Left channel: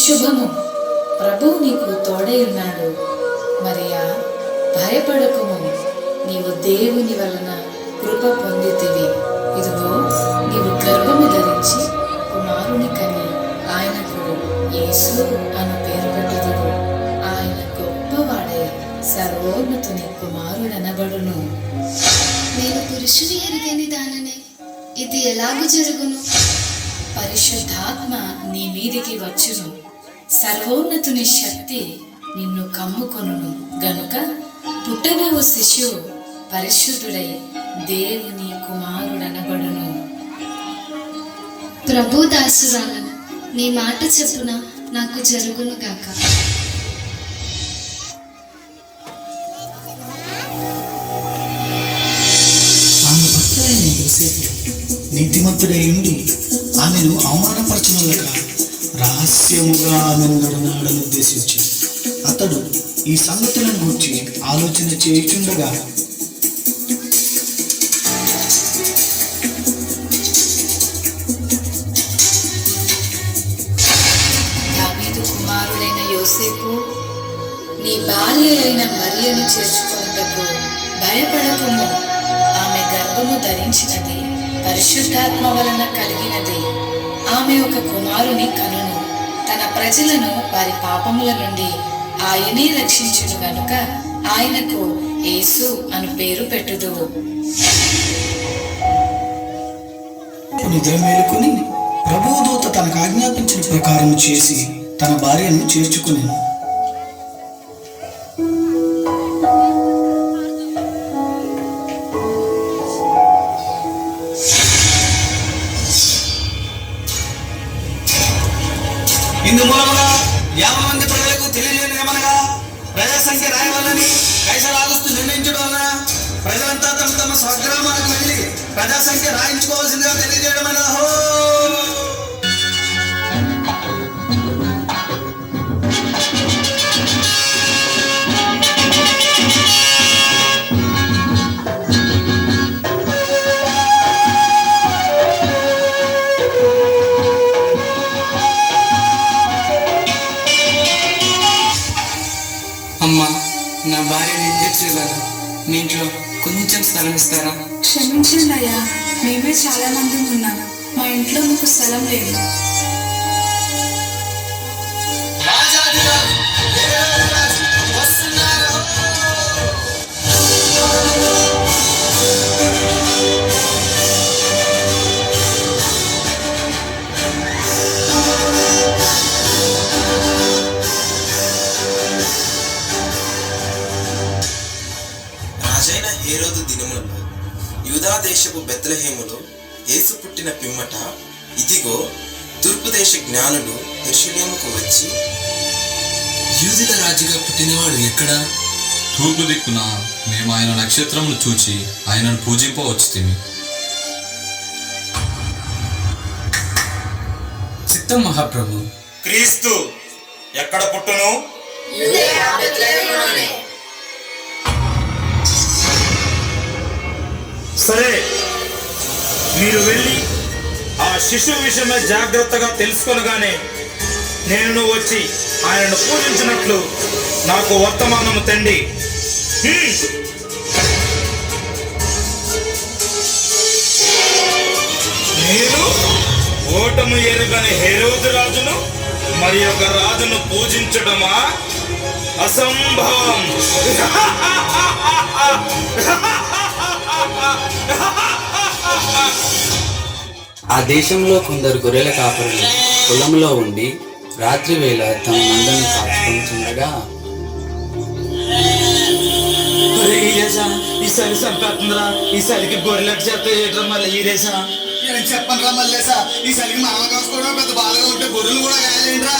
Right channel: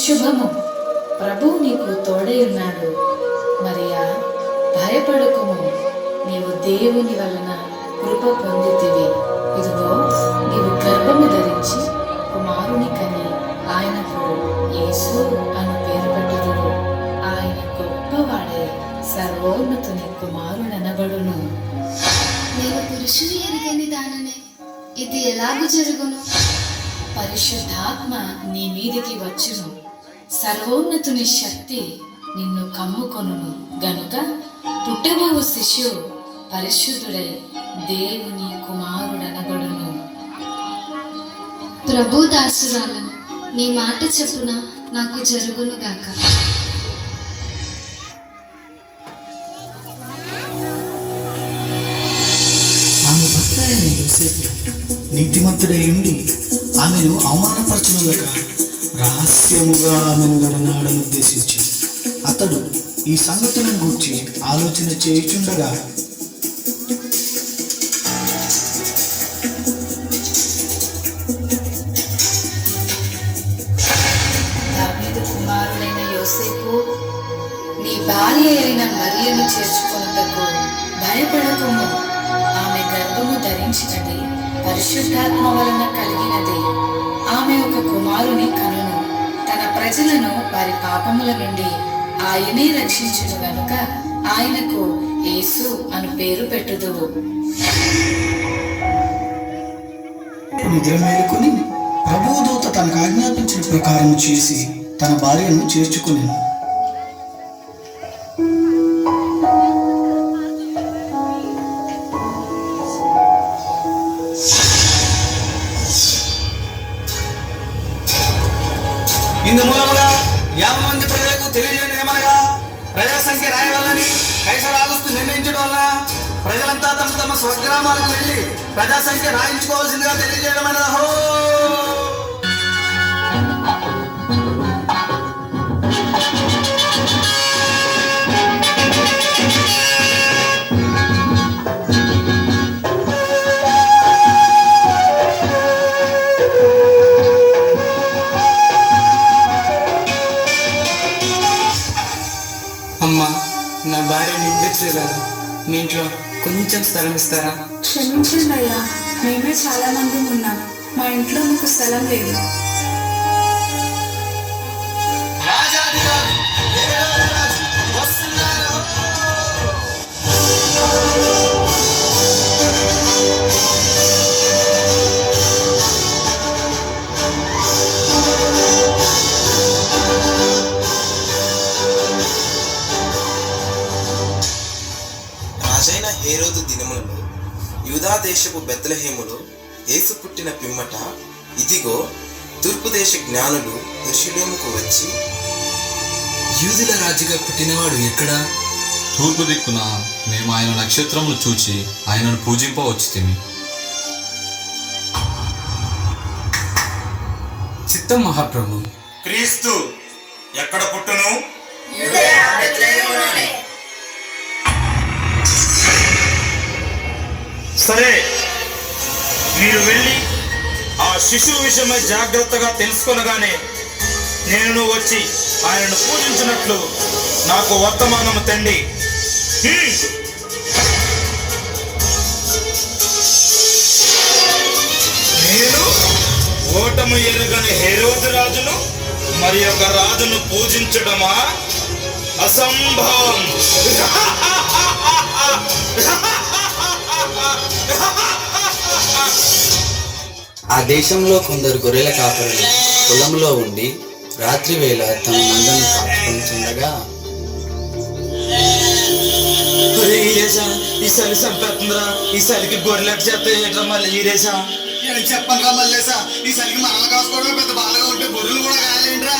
శుభము, ప్రభువు నీకు తోడై ఉన్నాడు. మరియా, భయపడకుము, నీవు దేవుని వలన కృప పొందితివి. ఇదిగో, నీవు గర్భము ధరించి కుమారుని కని ఆయనకు యేసు అను పేరు పెట్టుదువు. ఆయన గొప్పవాడై సర్వోన్నతుని కుమారుడనబడును. నేను పురుషుని ఎరుగని దాననే, ఇది ఎలాగూ జరుగును? పరిశుద్ధాత్మ నీ మీదికి వచ్చును, సర్వోన్నతుని శక్తి నిన్ను కమ్ముకొనును గనుక పుట్టబోవు శిశువు పరిశుద్ధుడై దేవుని కుమారుడనబడును. ప్రభు దాసురాలను, నీ మాట చెప్పున నాకు జరుగును గాక. ఆమె భర్త అయిన యోసేపు నీతిమంతుడై ఉండి ఆమెను అవమానపరచలేక రహస్యముగా ఆమెను నడనాడని ఉద్దేశించి అతడు ఈ సంగతులను గురించి ఆలోచన చేయుచుండగా దావీదు కుమారుడైన యోసేపు, నీ భార్య అయిన మరియను చేర్చుకొనుటకు భయపడకుము. ఆమె గర్భము ధరించినది పరిశుద్ధాత్మ వలన కలిగినది. ఆమె ఒక కుమారుని కనును. తన ప్రజలను వారి పాపముల నుండి ఆయనే రక్షించును గనుక ఆయనకు యేసు అను పేరు పెట్టుదువు. నిద్ర మేలుకొని ప్రభువు దూత తనకు ఆజ్ఞాపించిన ప్రకారం చేసి తన భార్యను చేర్చుకునేను. ఇందు మూలముగా 50 మంది ప్రజలకు తెలియజేయమనగా ప్రజా సంఖ్య రాయవల్లని కైసర్ ఆగస్టు నిర్ణయించడం వలన ప్రజలంతా తమ తమ స్వగ్రామాలకు వెళ్ళి ప్రజా సంఖ్య రాయించుకోవాల్సిందిగా తెలియజేయడమైన అమ్మా, నా భార్యని ఇంజెక్షన్ మీ ఇంట్లో కొంచెం స్థలం ఇస్తారా? క్షమించండి అయ్యా, మేమే చాలా మంది ఉన్నాం, మా ఇంట్లో మీకు స్థలం లేదు. రాజైన హేరోదు దినములలో యూదా దేశపు బెత్లెహేములో యేసు పుట్టిన పిమ్మట ఇదిగో తూర్పు దేశ జ్ఞానులు యెరూషలేముకు వచ్చి, యూదుల రాజుగా పుట్టినవాడు ఎక్కడా? తూర్పు దిక్కున మేము ఆయన నక్షత్రములు చూచి ఆయనను పూజింపవచ్చుతిమి. చిత్తం మహాప్రభు. క్రీస్తు ఎక్కడ పుట్టును? సరే, మీరు వెళ్ళి ఆ శిశువు విషయమై జాగ్రత్తగా తెలుసుకొనగానే నేను వచ్చి ఆయనను పూజించినట్లు నాకు వర్తమానము తండి. నేను ఓటమి ఎరుగని హేరోదు రాజును మరి ఒక రాజును పూజించడమా? అసంభవం. ఆ దేశంలో కొందరు గొర్రెల కాపరులు పొలంలో ఉండి రాత్రి వేళ తమ మందను కాచుకుంటుండగా, ఈసారి సంపేస్తుందిరా, ఈసారికి గొర్రెలకు చెప్తే ఏట్రా మళ్ళీ ఈరేసా చెప్పండి రా మల్లేసా, ఈసారికి మనం కాసుకోవడం పెద్ద బాగా ఉంటే గొర్రెలు కూడా కాయలేంట్రా.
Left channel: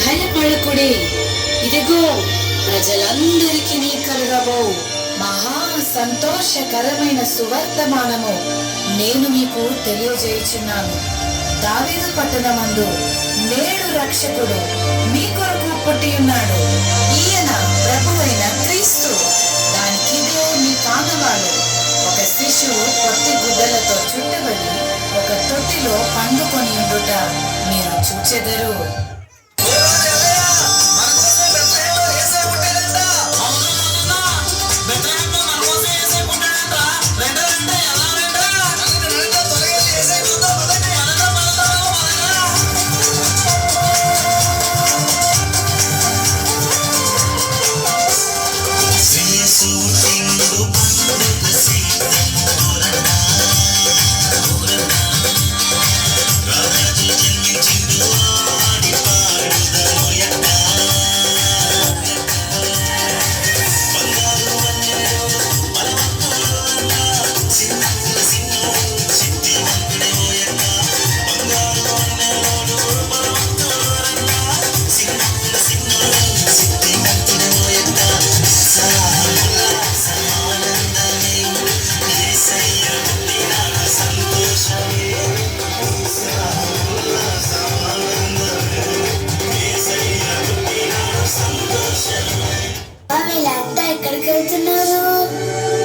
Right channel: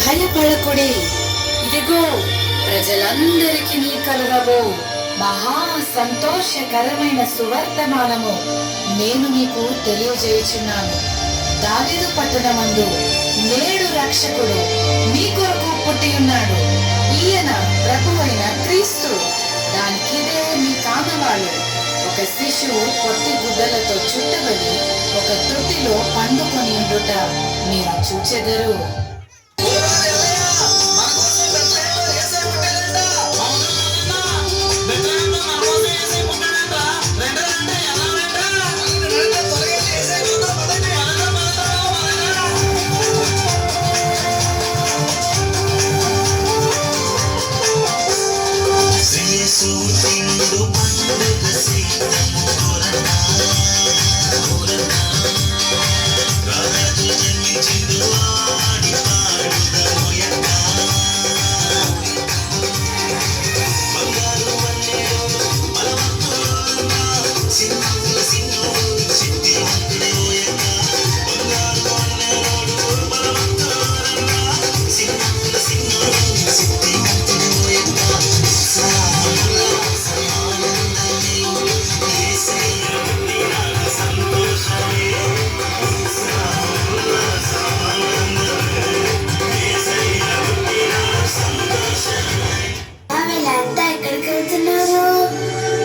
భయపడకుడి, ఇదిగో ప్రజలందరికీ నీ కలుగబో మహా సంతోషకరమైన సువర్తమానము నేను మీకు తెలియజేయుచున్నాను. దావీదు పట్టణమందు నేడు రక్షకుడు మీ కొరకు పుట్టి ఉన్నాడు. ఈయన ప్రభువైన క్రీస్తు. దానికిదే మీ కానవాళ్ళు. ఒక ఒక శిశువు పొత్తి గుడ్డలతో చుట్టబడి ఒక తొట్టిలో పండుకొని ఉండుట మీరు చూచెదరు.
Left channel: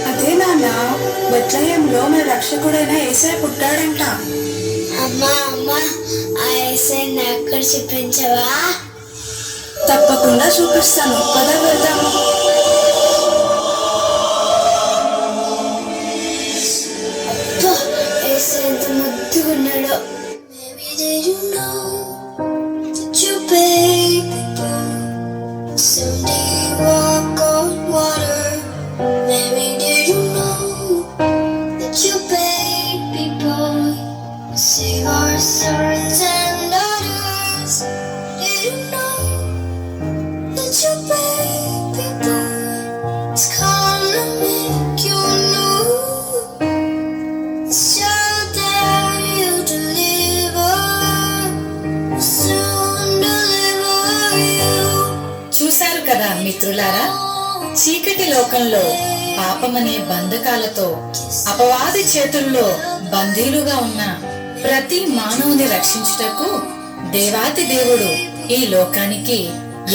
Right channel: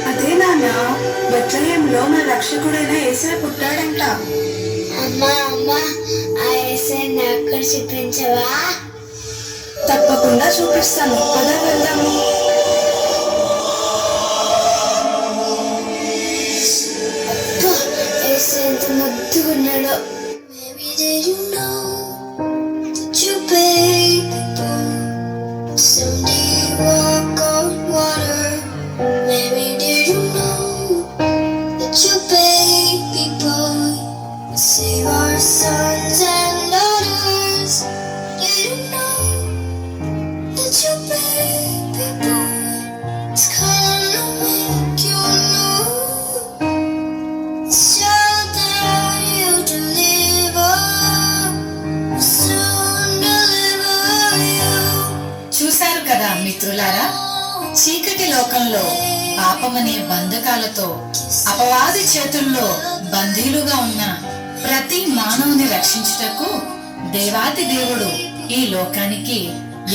అదే నాన్న, బెత్లెహేంలో మన రక్షకుడైన యేసయ్య పుట్టాడంట. అమ్మా అమ్మా, ఆ యేసయ్యని అక్కడ చూపించవా? తప్పకుండా చూపిస్తాను, పద వెళ్దాము. అబ్బా, యేసయ్య ఎంత ముద్దుగున్నాడో. Maybe did you know that you baby someday you walk on water? Maybe did you know that you baby boy will save our sons and daughters? Did you know that your baby boy is gonna make you new? Soon there you deliver, soon deliver you. చూశారు కదా మిత్రులారా, చీకటి లోకంలో పాపమనే బంధకాలతో అపవాది చేతుల్లో బందీలుగా ఉన్న ప్రతి మానవుని రక్షించుటకు దేవాతి దేవుడు ఈ లోకానికి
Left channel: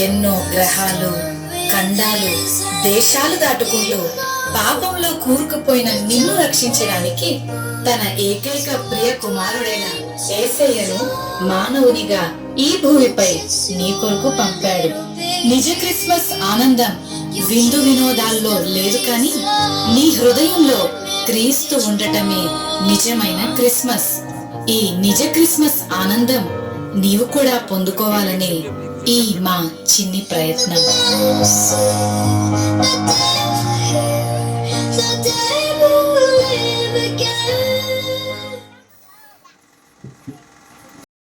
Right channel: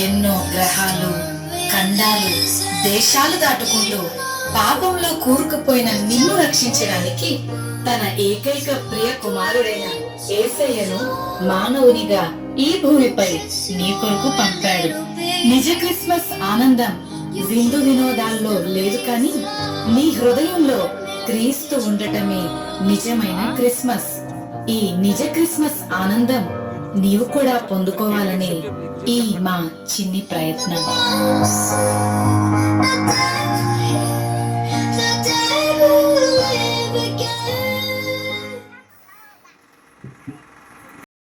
ఎన్నో గ్రహాలు, ఖండాలు, దేశాలు దాటుకుంటూ పాపంలో కూరుకుపోయిన నిన్ను రక్షించడానికి తన ఏకైక ప్రియ కుమారుడైన యేసయ్యను మానవునిగా ఈ భూమిపై నీ కొరకు పంపాడు. నిజ క్రిస్మస్ ఆనందం విందు వినోదాల్లో లేదు, కానీ నీ హృదయంలో క్రీస్తు ఉండటమే నిజమైన క్రిస్మస్. ఈ నిజ క్రిస్మస్ ఆనందం నీవు కూడా పొందుకోవాలనే ఈ మా చిన్ని ప్రయత్నం. The day will live again.